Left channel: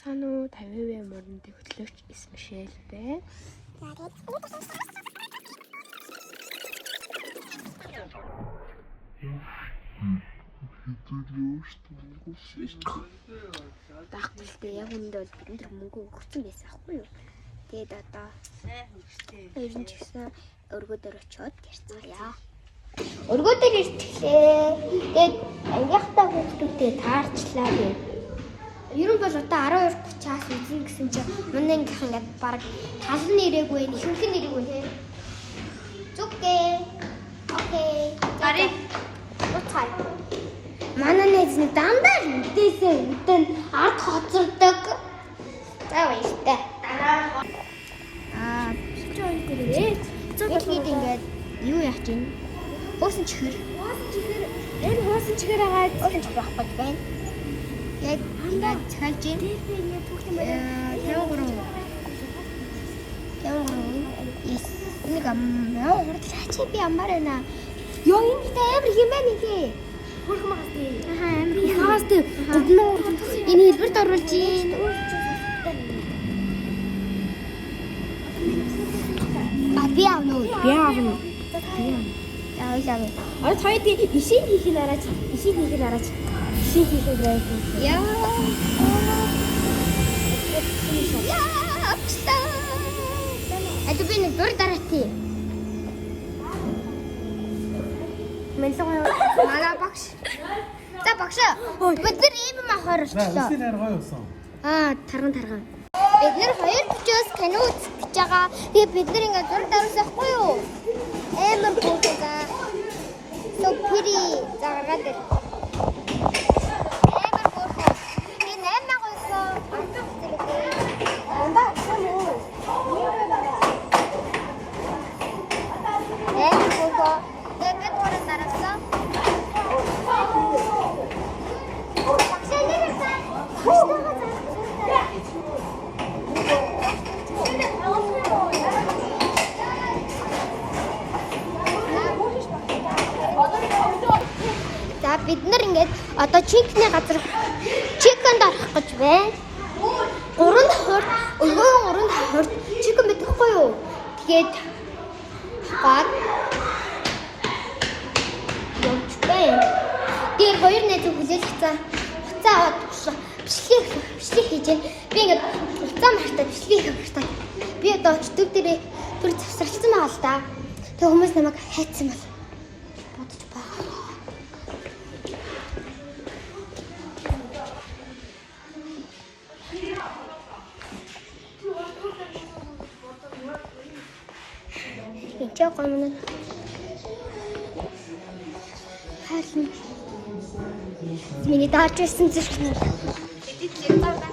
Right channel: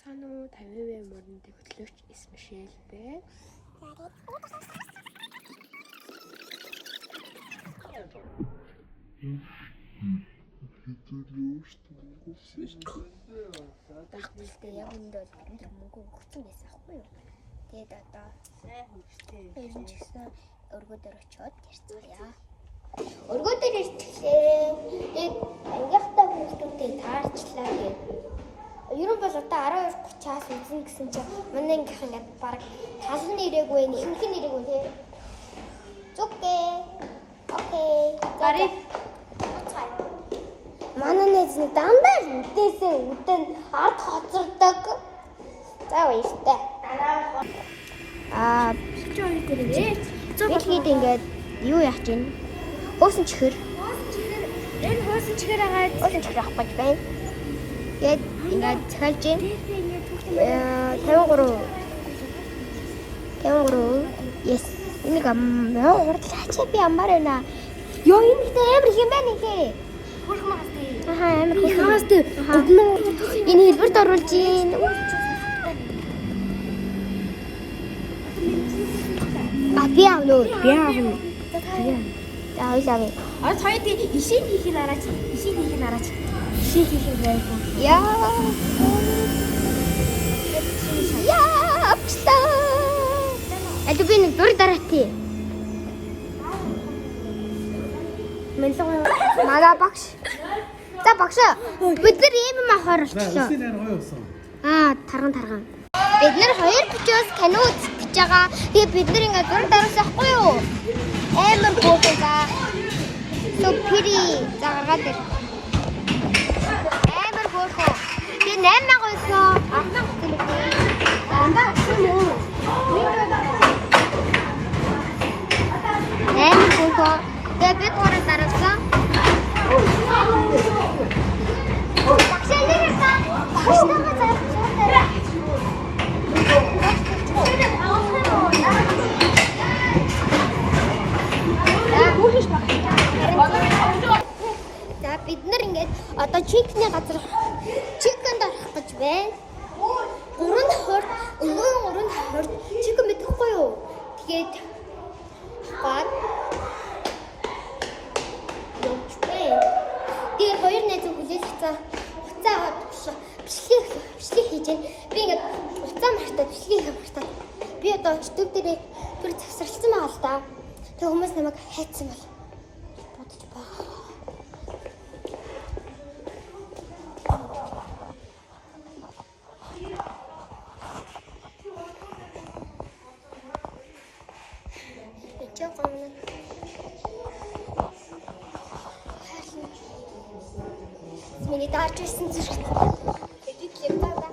Цаана уу 50% мөрөндөө хөтлөгч Исмишэл бэ. Дагталтай яг үндэ бол бид нар мөнгө өгсөн байсан аахгүй юу? Тэгээд одоо ер нь ч гэсэн өргөдөр очиод гэрцүүлээ. Өргөдөр ирчихлээ. Тэгээд ангийнхтай хүүхдүүдтэй таарчлаа гэ. Ер нь бол одоо 12:30-аас үзэн гэсэн чинь манай ангийнх ингээд баг талан нэрээгүй, ихэнх нь нэрээгүй тий. Зүгтэй. Окей. За. Уцай. Манай нэзний дандаа үдээсээ үдэн ард хоцордог. За баяртай. Чон дэрээ. Зөвхөн ингээд юу яах чинь? Хөөсөн чихэр. Хөөсөн чихэр агаад. Яг ингээд цаалж юм. 53. Yes. Энийг урдлаач би амаар байна. Ёо юм ихтэй амар хэмээн ихээ. Амар хаас тий. Энэ хэлбэрт оруулж ийн. Би авна. Яа. Цай тий ишиг хийхийг араач. Яа. Это би нэг дур дараатай. Манай багш. За багш. Бид нар ийм махаар орчлоо. Тарган. Бид нар хоёр бичээс кино үзэх гэж байгаа. Тэгээ бид нар ингээд дур дараасан хгүй юу? Амар гоогоо. Супири загаад ир. Амар гоогоо. Би 8 гоосоо. Ахнаа хэлээ. Андаа юм. Амар гоогоо. Тэгээ би дур дараасан. За бид нар ингээд одоо чикний газар чикэнд орох гэж байна. 3 чикэн мэдэхгүй юу? Тэгээд гад явчихлаа. Тэгээд хоёр найз хүлээж хацаа аваад бичлэг хийж байна. Би ингээд уцаа мартаа бичлэг хийх мартаа. Би одоо өчтөг дээрээ бүр завсарчсан байгаа л да. Тэг хүмүүс намайг хайцсан бол бодож байгаа. Ичээ гомно. Харин миний даарч ирсэн зэрэг нь. Тэтгэл юм байна.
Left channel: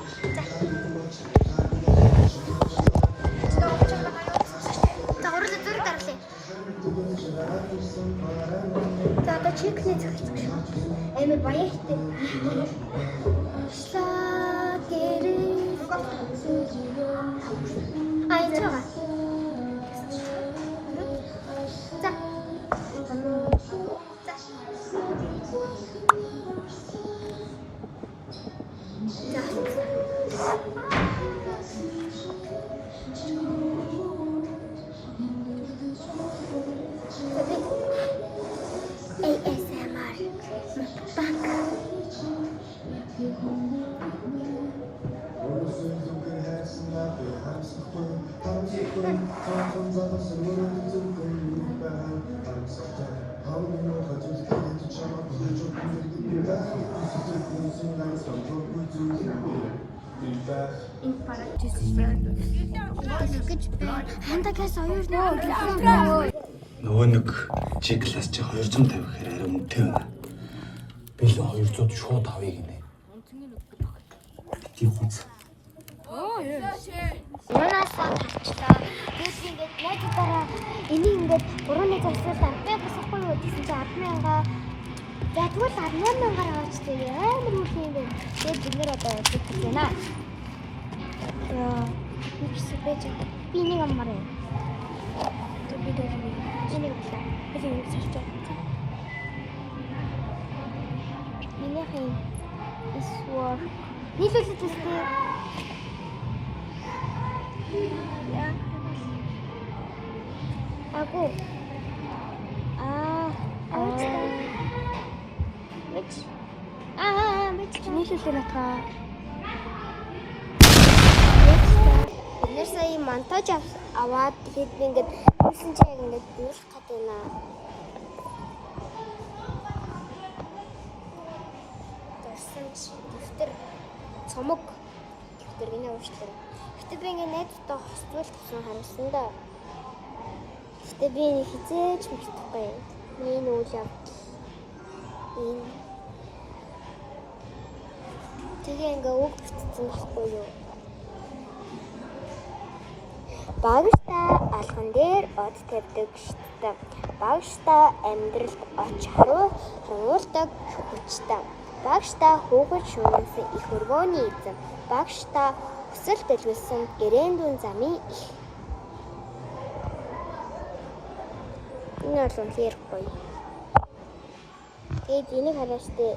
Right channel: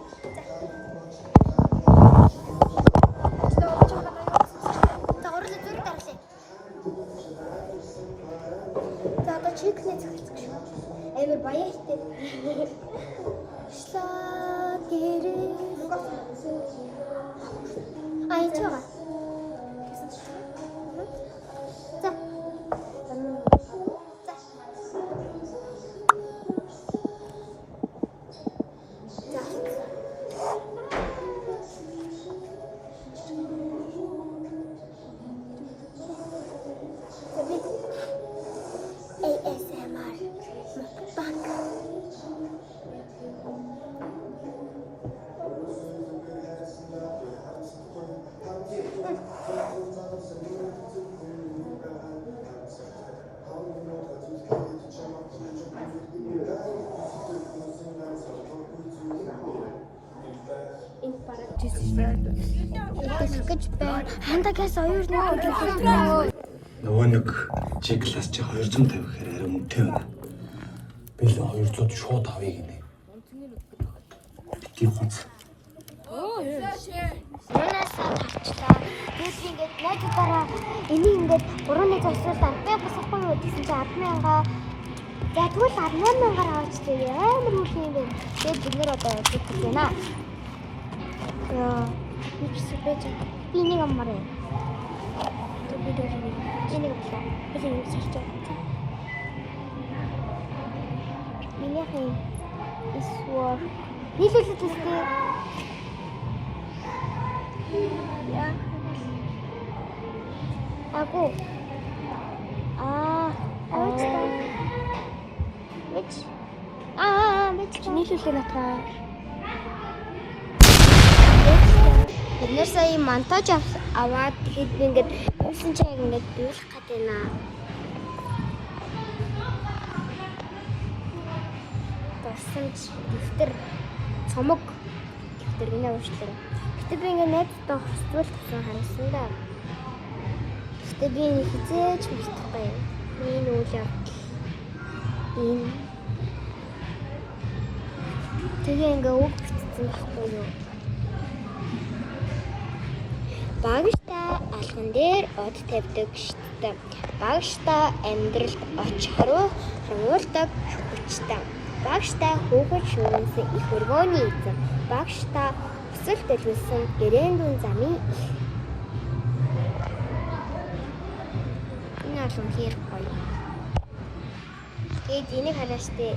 Чикний зөвхөн амар баяртай. Шлагеры. Айчаа. За. Нөгөө нэг G класс чи 250 гэхээр арай үнэтэй байна. Би л 200 шууд авъя гинэ. Гинэ. Юунасаа тавчлаа. Тэгээд ингээд найзуудаараа энийг ингээд 3-ны завсрал амтай босохгүй юу гэсэн чинь 10,000. За тэгвэл 18,000-аар аваачтай амар үгүй юм бэ. Тэгээд бид нэр одоо яах вэ наа? Би нэг аммаар юм. Тэгээд энийг болоо. Энийг сэрч байгаа. Миний хэн эсвэл нийлүүлэлттэй Яа. Агу. Мэт. Мэт. Нийлүүлээ натаа. Бид нэр сая монтаж аваад тэгэхэд би ингээд юмсан чаг ингээд биелэх гэдэг наа. Тосч дэвтэр цомог дэвтэр гинэ уучлаарай. Гэтэ би ингээд найзтай хосвол тавсан харсан да. Гэтэ би хизээж мартахгүй. Миний үйл явдал. Энэ тэгээ ингээд үг битсэн байхгүй юу? Багштай алхан дээр од тавьдаг штэ. Багштай амьдралд оч харуулдаг хүчтэй. Багштай хөөгч шүүнсэн их өргөөний эзэн. Багштай өсөл төлөвлөсөн эрэндүн замын их. Энэ бол үнэхээр гоё. Тэгээд энийг хараа штэ.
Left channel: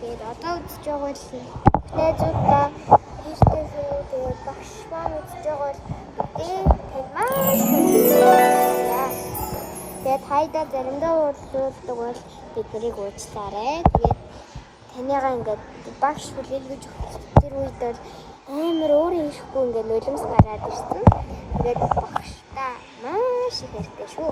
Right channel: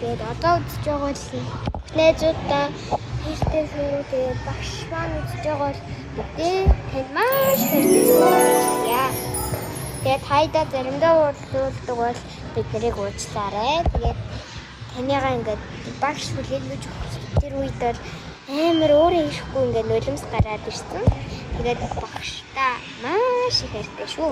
Тэгээд одоо үзэж байгаа л найзуудаа хийхдээ шүү. Тэгээд багш маань үзэж байгаа бол танд маш баярлалаа. Тэгээд хайда заримдаа уулздаг бол бид нарыг уучлаарай. Тэгээд таныгаа ингээд багш хүлээлгэж өгч тэр үед бол амар өөрөө ирэхгүй ингээд нулимс гараад ирсэн. Тэгээд багштай маш их хайртай шүү.